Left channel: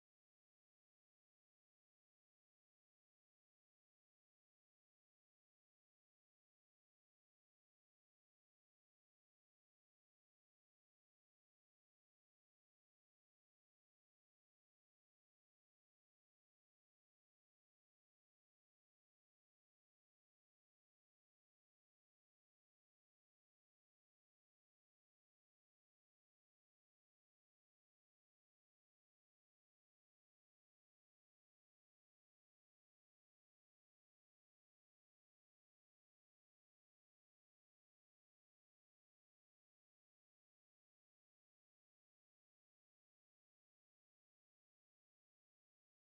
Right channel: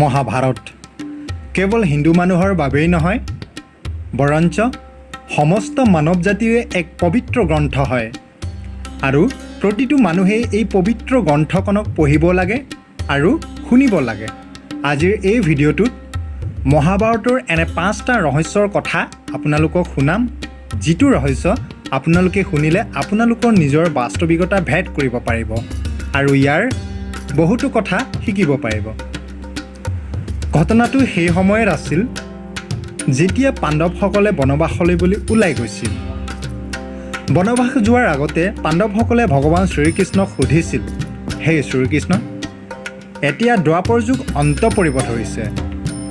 মহাভাৰত কেৱল হিন্দু মানুহৰ বাবেই নহয়, বৰঞ্চ সমস্ত মানৱ জাতিৰে এক পবিত্ৰ গ্ৰন্থ হয় আৰু প্ৰতিটো মানুহেই এই পবিত্ৰ গ্ৰন্থখনক পঢ়িব লাগে আৰু শুনিব লাগে। আজিৰ এই ভিডিঅ'টোত মহাভাৰতৰ এনে 5টা ৰহস্যৰ কথা আপোনালোকক শুনাম, যিটো ৰহস্য আপোনালোকে শুনিলে আপোনালোকৰ নিজৰ বাস্তৱিকতা ভেদ কৰিব পাৰিব আৰু ইয়াৰ বহুতো কথা শিকিব পাৰিব। ঘটনাটো সেই সময়ত আছিল যেতিয়া পাণ্ডৱসকলে বনবাসলৈ বুলি ওলাই গৈছিল। বনবাস যোৱাৰ আগতে পাণ্ডৱসকলে ভগৱান শ্ৰীকৃষ্ণক সুধিছিল, হে শ্ৰীকৃষ্ণ, এতিয়া দ্বাপৰ যুগ অন্ত পৰিব ধৰিছে,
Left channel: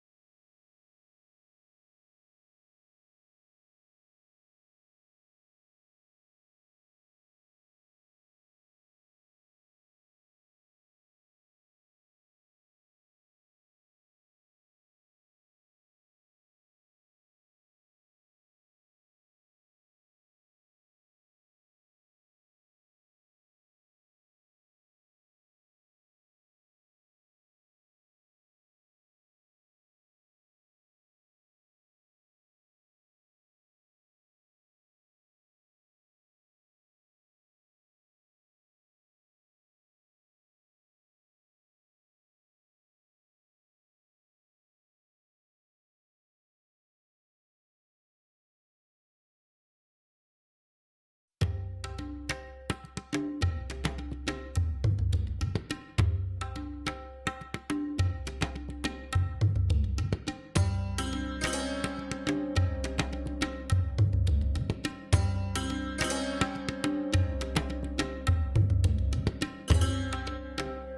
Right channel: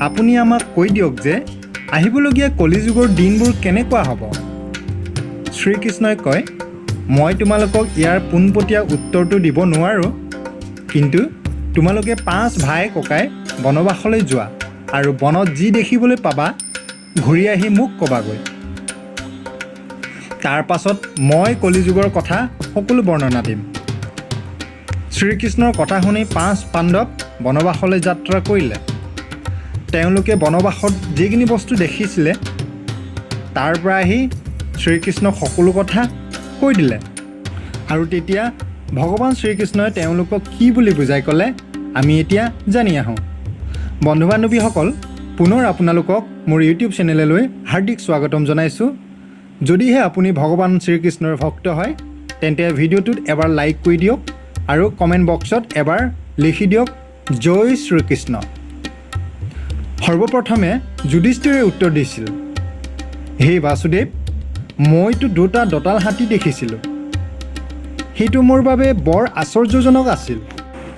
আপুনি আমাক কৈ দিয়ক যে আহিবলগীয়া কলিযুগৰ দিনবোৰ কেনেকুৱা হ'ব। শ্ৰীকৃষ্ণই কয়, মই তোমালোকক ইয়াৰ পোনপটীয়া উত্তৰটো দিব নোৱাৰোঁ, কিন্তু তোমালোকে 5 ভাই ককাই বনবাসলৈ যোৱা আৰু বনত যি দেখিবলৈ পাবা ঘূৰি আহি মোক ক'বাগৈ। তাৰ পাছত মই কলিযুগৰ কথা সকলো বৰ্ণনা দিম। শ্ৰীকৃষ্ণৰ কথা শুনি 5 পাণ্ডৱ বনবাসলৈ যাত্ৰা কৰিলে। তেওঁলোকে বনবাসত যিখিনি বস্তু দেখিছিলে তাৰ পৰা আহি শ্ৰীকৃষ্ণক সকলো কথা কৈ দিলে। আৰু তেতিয়া ভগৱান শ্ৰীকৃষ্ণই তেওঁলোকক কি বুলি বুজাই ক'লে আমি এতিয়া জানি আহোঁ। বন্ধু বান্ধৱীসকল, পুনৰ আপোনালোকক মোৰ ইউটিউব চেনেললৈ হাৰ্দিক স্বাগতম জনাইছোঁ। যদিহে আপুনি ভগৱান শ্ৰীকৃষ্ণৰ ভক্ত হয় তেন্তে ভিডিঅ'টোত এবাৰ লাইক কৰি দিয়ক আৰু কমেণ্ট বক্সত এবাৰ লিখি দিয়ক জয় শ্ৰীকৃষ্ণ। সৰ্বপ্ৰথমে যুধিষ্ঠিৰে উত্তৰ দিছিল, হে বাসুদেৱ, মইতো 2টা দঁতাল হাতী দেখিছিলোঁ, সেইটো মোৰ বাবে বৰ আশ্চৰ্যজনক আছিল।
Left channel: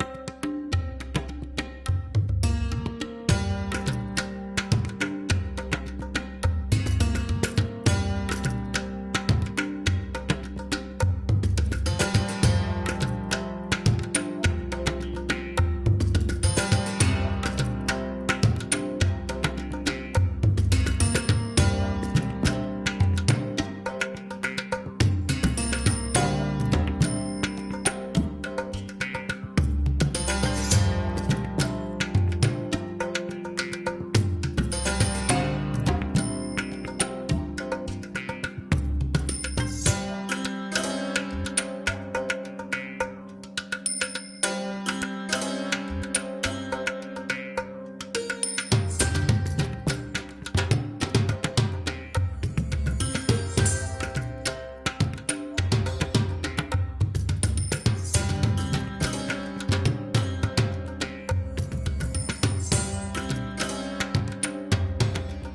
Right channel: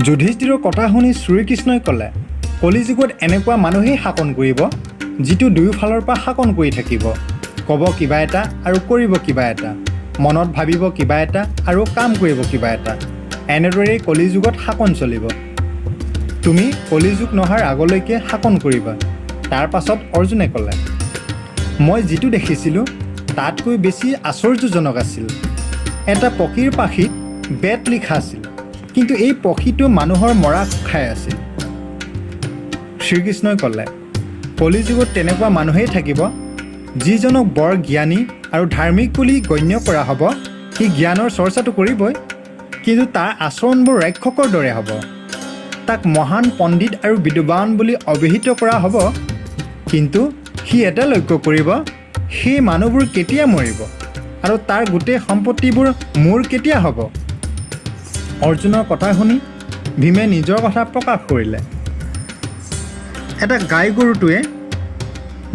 যুধিষ্ঠিৰৰ কথা শুনি শ্ৰীকৃষ্ণই ক'লে, কলিযুগত এনেকুৱা মানুহেই শাসন কৰিব যিটো দুয়োফালৰ পৰা শাসন কৰি থাকিব, ক'ব কিবা এটা আৰু কৰিব কিবা এটা, মনত ভাবিব কিবা এটা আৰু কাম কৰিব কিবা এটা। এনেদৰেই কলিযুগত শাসন চলিব। তুমি কলিযুগ নহাৰ আগলৈকে শাসন কৰিবা। তাৰ পাছত অৰ্জুনে ক'লে, মই যিটো দেখিছিলোঁ তাতকৈ বেছি আশ্চৰ্যজনক আছিল। এটা পক্ষীৰ পাখিত বেত লিখা আছিল, কিন্তু এই পক্ষীটো মানুহৰ মৰা খাই আছিল। শ্ৰীকৃষ্ণই ক'লে, কলিযুগত তেনেকুৱা মানুহেই থাকিব যিজনক বৰ জ্ঞানী আৰু ধাৰ্মিক বুলি গণ্য কৰা হ'ব। সি জ্ঞানৰ চৰ্চাটো কৰিবই, কিন্তু তাৰ আচৰণবোৰ ৰাক্ষসৰ দৰে হ'ব। তাক মহান পণ্ডিত আৰু বিদ্বান বুলি অভিহিত কৰা হ'ব, কিন্তু সি এটা লক্ষ্য কৰিব, সেই মানুহবোৰ কেতিয়া মৰিব আৰু তাৰ গোটেই সম্পত্তিবোৰ মোৰ কেতিয়া হ'ব। অৰ্জুনৰ কথা শুনি ভীমে নিজৰ কথা প্ৰকাশ কৰিলে। এটা গাই গৰুটোৱে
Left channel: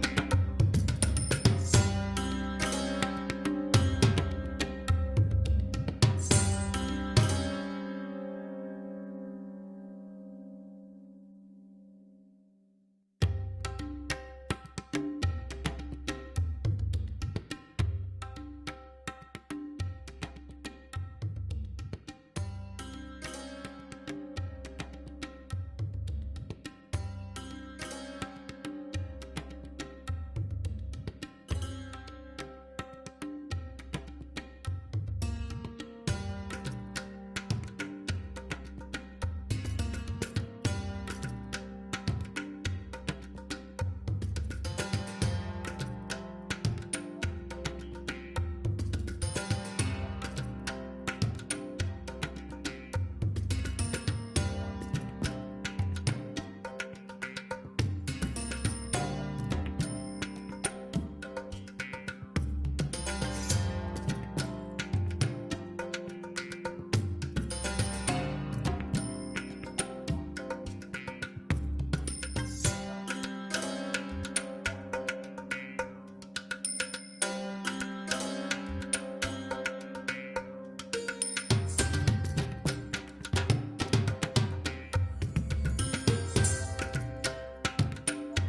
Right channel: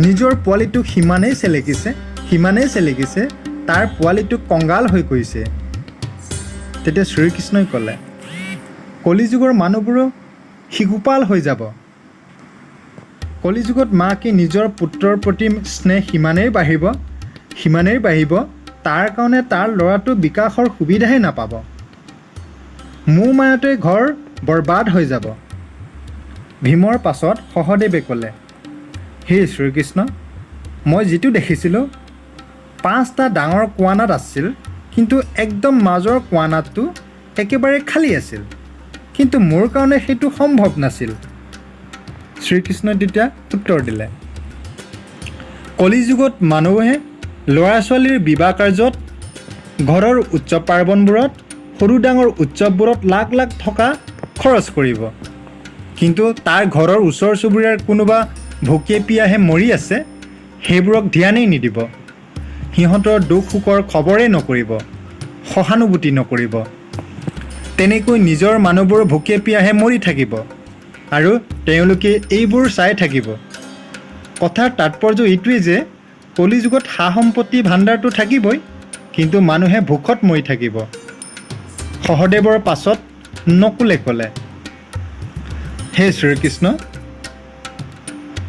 নিজৰ পোৱালিটোক সিমানেই চেলেকিছে তাৰ পোৱালিটো কংগাল হৈ গৈছে। তেতিয়া শ্ৰীকৃষ্ণই ক'লে, কলিযুগৰ মানুহবোৰো শিশুপাল হৈ যাব। কলিযুগত মাকে নিজৰ পুত্ৰৰ প্ৰতি স্নেহ সিমানেই বাঢ়িব, তাৰ কাৰণে তাৰ ল'ৰাটো বিকাশৰ সুবিধাহে নাপাব। মোৰ মায়তে ঘৰ বৰবাদ হৈ যাব। ভীমৰ পাছত সহদেৱে ক'লে, হে শ্ৰীকৃষ্ণ, মই যিটো দেখিছিলোঁ 5টা ডাঙৰ কোৱানাত আছিল, কিন্তু একদম মাজৰ কোৱানাতটো একেবাৰে খালী আছিল, কিন্তু মোৰ কাৰণে সেইটো সম্ভৱ নাছিল। শ্ৰীকৃষ্ণই তেতিয়া উত্তৰ দিলে, কলিযুগত মানুহে ল'ৰা ছোৱালীৰ বিবাহ কাৰ্যত, ঘৰৰ উৎসৱ পাৰ্বণবোৰত, সৰু ডাঙৰ উৎসৱবোৰত লাখ লাখ টকা খৰচ কৰিব, কিন্তু তাৰ ঘৰৰ ওচৰ চুবুৰীয়াৰ কোনোবা ভোকে পিয়াহে মৰি আছে সেইবোৰক ধ্যানেই নিদিব। সিহঁতৰ দুখ সুখৰ খবৰেই নকৰিব, সহানুভূতি নকৰিব। তেনেকৈ নিজৰ মানুহবোৰ ভোকে পিয়াহে মৰি থাকিব আৰু তেওঁলোকে এইবোৰ চাই থাকিব। কথাৰ তাৎপৰ্য এইটোৱেই যে কলিযুগত সা সম্পত্তি ভাণ্ডাৰটো থাকিবই, কিন্তু মানুহে ভোকত মৰি থাকিব। সহদেৱৰ পাছত নকুলে ক'লে, হে শ্ৰীকৃষ্ণ,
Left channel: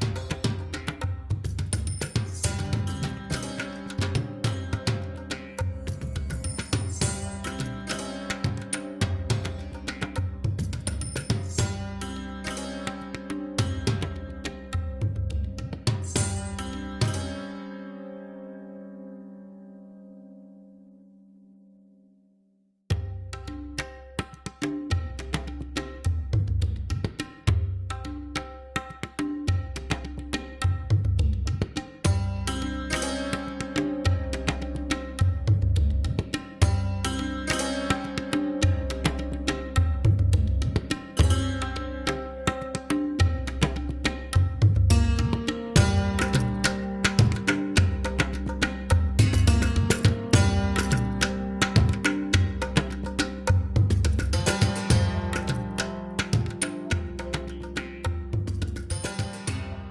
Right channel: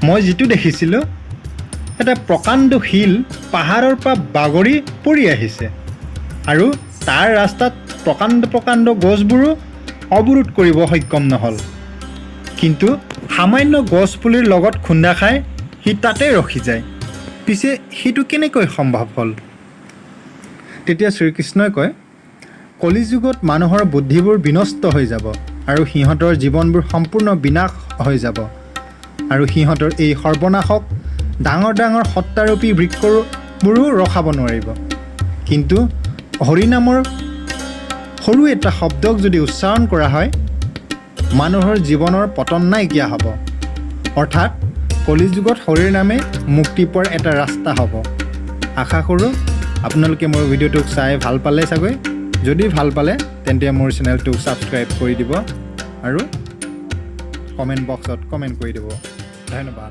মই যিটো দেখিছিলোঁ এটা প্ৰকাণ্ড শিল পাহাৰৰ পৰা বাগৰি পৰি আহিছে আৰু তাৰ ৰাস্তাত প্ৰকাণ্ড গছবোৰো অৱৰোধ কৰিব সক্ষম নহ'ল, কিন্তু সামান্য গছ পুলিৰ লগত খুন্দা খাই সি তাতে ৰখি যায়। পিছে সেইটো কেনেকৈ সম্ভৱ হ'ল? তেতিয়া শ্ৰীকৃষ্ণই কয়, কলিযুগত মানুহৰ বুদ্ধিবোৰ বিনষ্ট হৈ যাব আৰু সিহঁতৰ জীৱনবোৰ সম্পূৰ্ণ বিনাশ হৈ যাব। আৰু সিহঁতৰ এই সৰ্বনাশক ডাঙৰ ডাঙৰ সত্তাৰূপী বৃক্ষবোৰো ৰখাব নোৱাৰিব। কিন্তু হৰিনামৰ সৰু এটা শব্দক যদি উচ্চাৰণ কৰা হয়, মানুহৰ জীৱনৰ পতন নাইকিয়া হ'ব। অৰ্থাৎ কলিযুগত হৰিৰ নামে মুক্তি পোৱাৰ এটা ৰাস্তা হ'ব। আশা কৰোঁ আপোনালোকে মোৰ ভিডিঅ'টোক চাই ভাল পালে চাগৈ। যদি ভাল পালে তেন্তে মোৰ চেনেলটোক ছাবস্ক্ৰাইব কৰি দিব আৰু কমেণ্ট বক্সত কমেণ্ট কৰি দিব। ধন্যবাদ।